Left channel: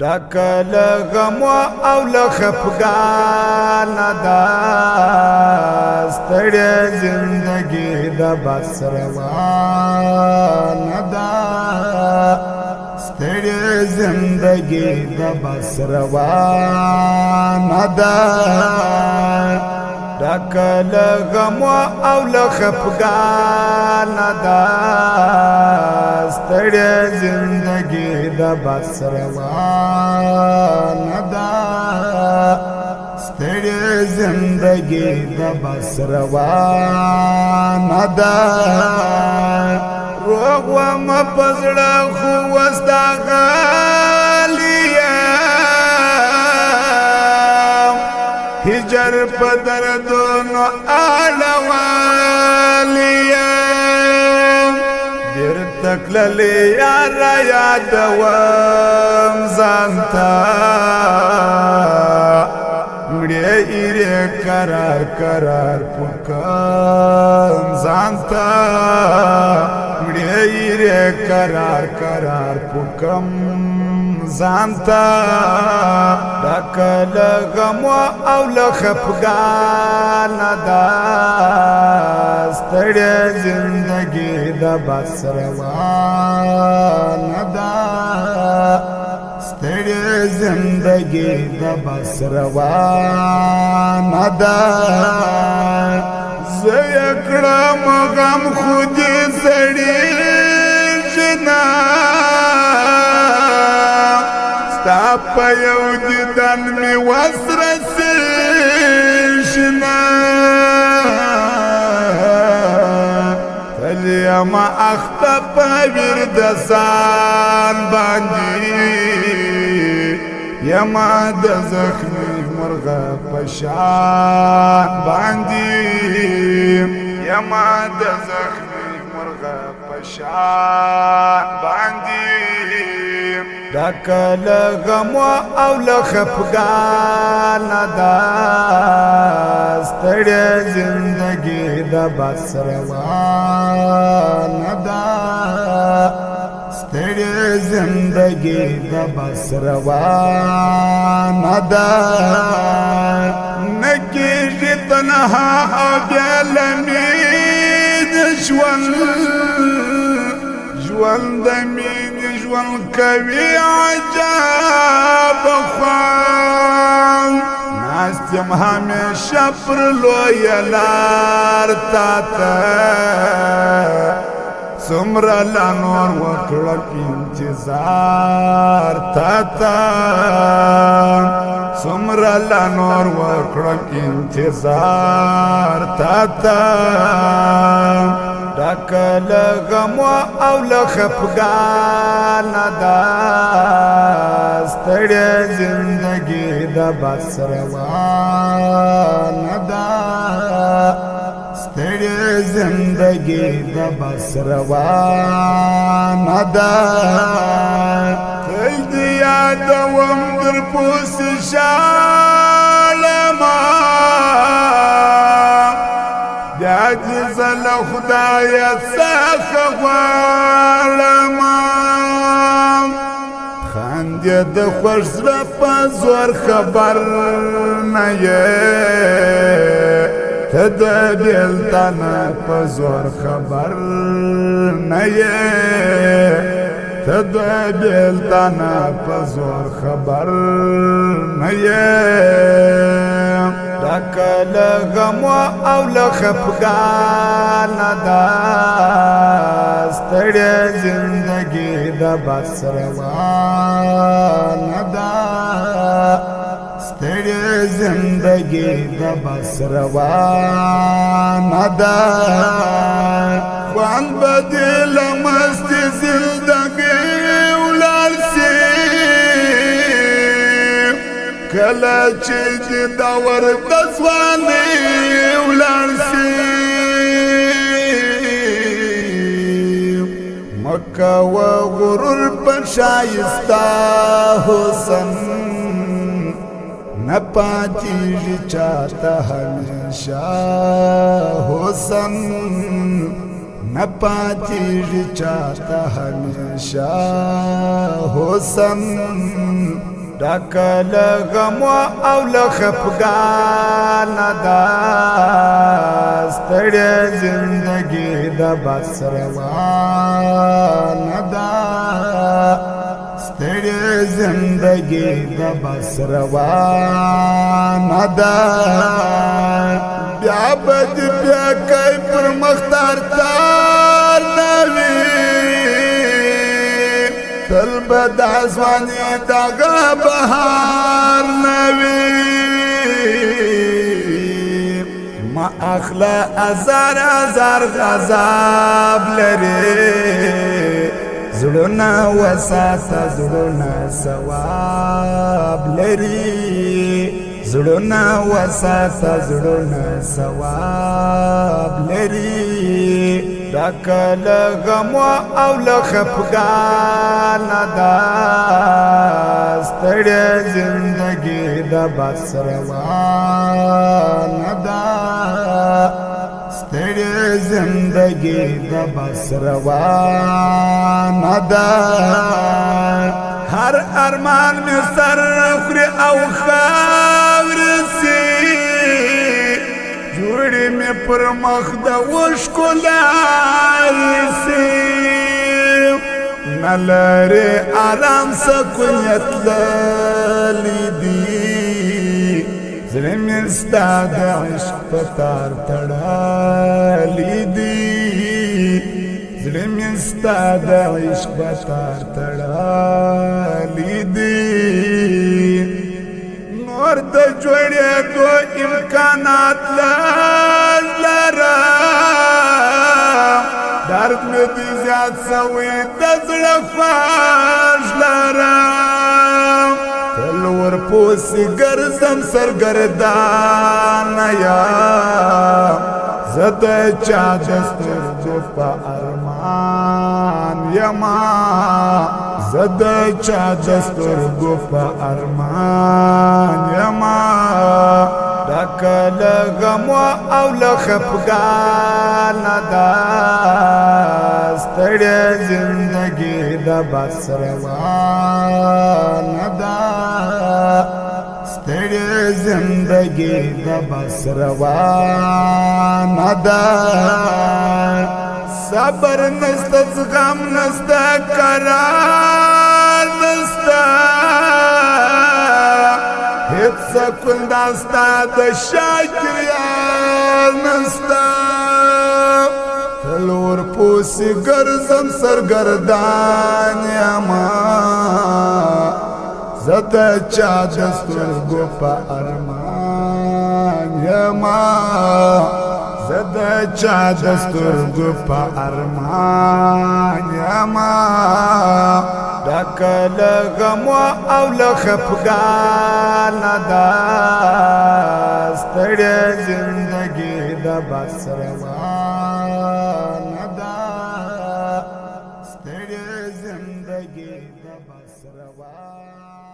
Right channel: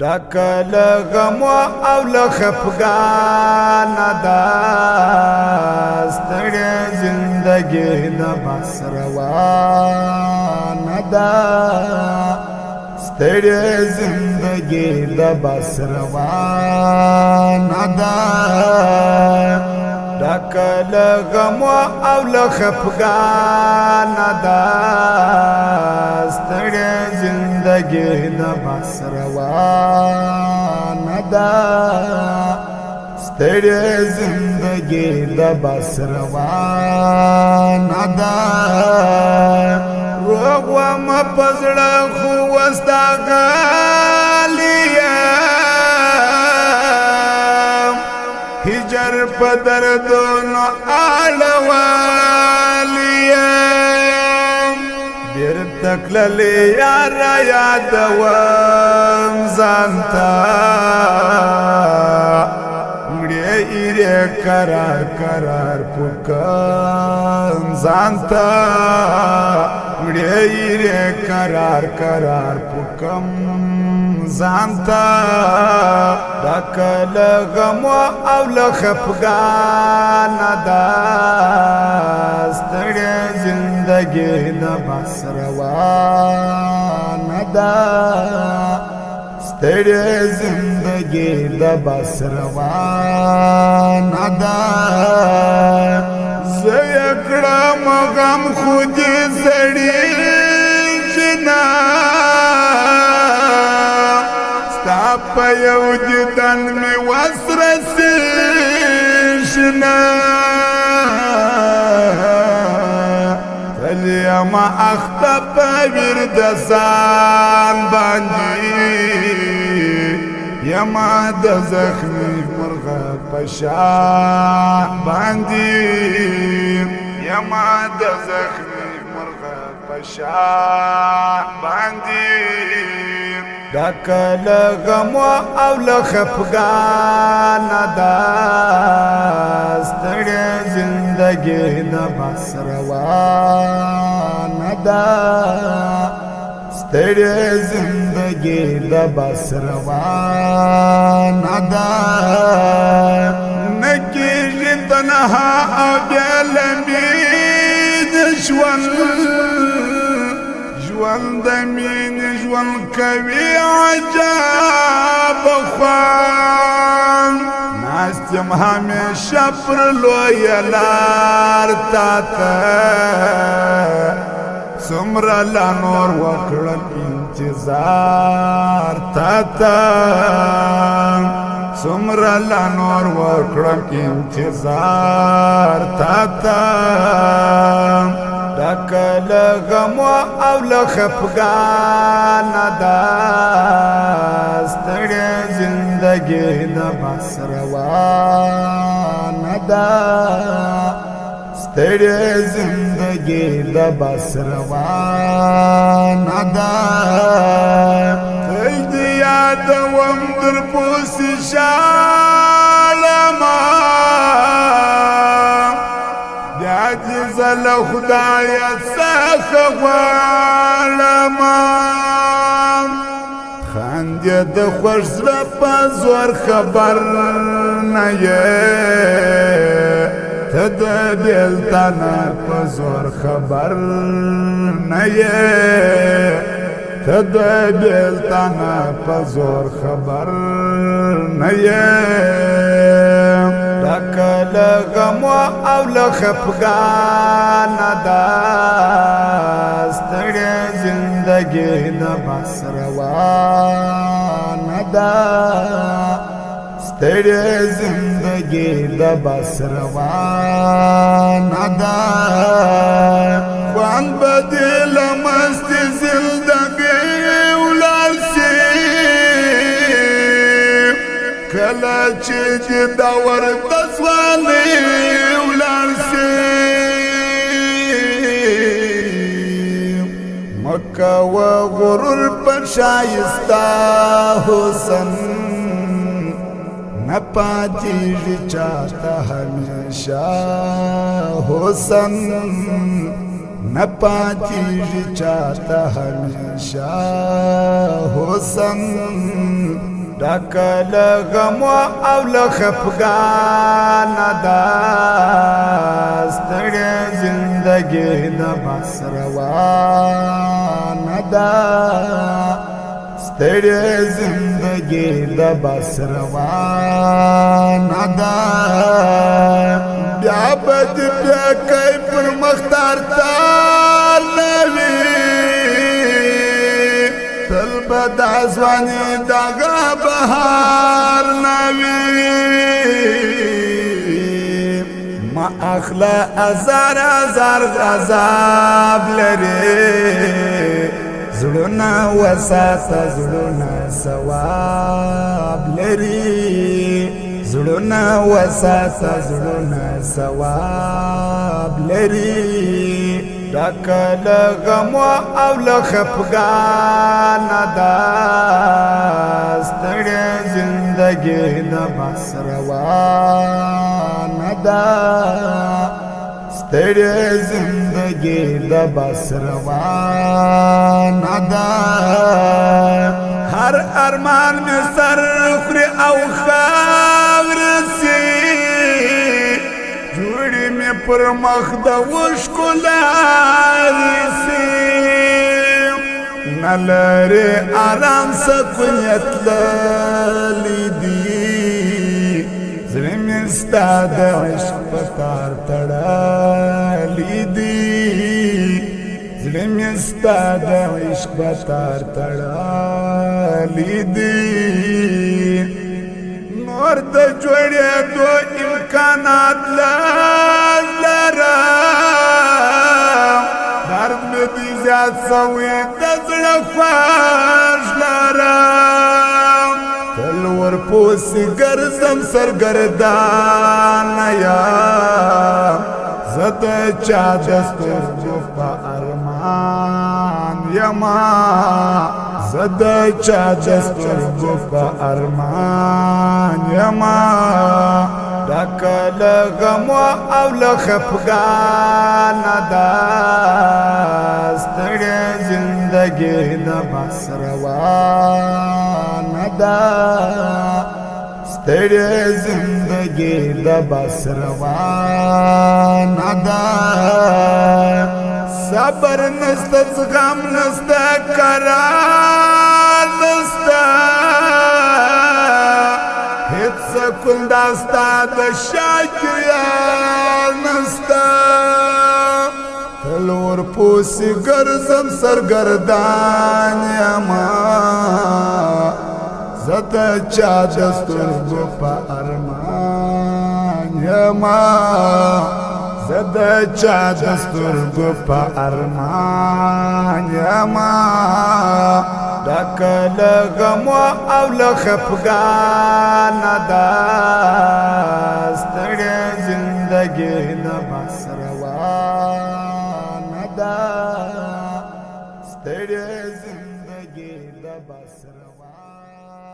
ډکل غم او له خفګان دا ستړې زندګي د بس روان دا ستړې زندګي د بس روان دا ډکل غم او له خفګان دا ستړې زندگی د بس روان دا ستړې زندگی د بس روان دا روغ وم پزړه خو وستا غالیا هجر په دردونو آلوالیا دیر تکللی یار یادوم زانتا مڑی ایره قرار قرار پکم زانتا مڑی ایره قرار قرار پکم زانتا ډکل غم او له خفګان دا ستړې زندګي د بس روان دا ستړې زندګي د بس روان دا زه یې کړم غم خو دې سړي جنا په یو دیدن می وسرسې شنا تل یما اخته په ورد ځان باندې یما د زخمي مرغه په شان باندې یما د زخمي مرغه په شان باندې ډکل غم او له خفګان دا ستړې زندګي د بس روان دا ستړې زندګي د بس روان دا نکیږي تنها او بېلمین ژوند ژوند مين ژوند کوي عجب خوان ناستم همیشه پر لوی لار تاته څومره لا نور وکړم انتظار تاته څومره لا نور وکړم انتظار تاته ډکل غم او له خفګان دا ستړې زندګي د بس روان دا ستړې زندګي د بس روان دا دې یادوم در پوسې شالما زل خدایا څخه غواړم خاندې د خوښ زړه په زور خبر نه یې ته د بېلتان په زور خبر نه یې ته د بېلتان په زور خبر نه یې ډکل غم او له خفګان دا ستړې زندګي د بس روان دا ستړې زندګي د بس روان دا خوان بدل مست زندګي ولار سي کله چې د ورته ځواني ولار سي مکه و غرور په شایسته حسن نه پاتېږي چاته همیشه حسن نپاتیږي چاته همیشه حسن ډک له غم او له خفګان ده ستړې زندګي د بس روانه ده ستړې زندګي د بس روانه ده بیا به دې بیا کوي پر مختار تار نه وي تل به د ځواني دغه بهار نه وي ما اخلا ازار ازار غضب لري زړونه وساته زړونه ثواب لري زړونه وساته زړونه ثواب لري ډک له غم او له خفګان ده ستړې زندګي د بس روانه ده ستړې زندګي د بس روانه ده هر ارمان می سر خوري او خاورې سي جوړې مې پر مخ د اوښکو لارې سي نه لرې ارام سکونیت تللی دي زړه مې ستا د عشق په تار تړلی دي زړه مې ستا د عشق په تار تړلی دي نور د جوړېدو امکانات لږ لرم درد مې دې زیات سوی د زړه خواږ لرم تل ورپسې ګرځم سرګردانه یم زه د چا د سترګو په ارمان یما زه د چا د سترګو په ارمان یما ډک له غم او له خفګان ده ستړې زندګي د بس روانه ده ستړې زندګي د بس روانه ده صبر نسته زغم نسته قرار نسته هیڅ سکون نسته د شاکریان نسته تل ورپسې ګرځم سرګردان یما زه د چا د سترګو په ارمان یما زه د چا د سترګو په ارمان یما ډک له غم او له خفګان ده ستړې زندګي د بس روانه ده ستړې زندګي د بس روانه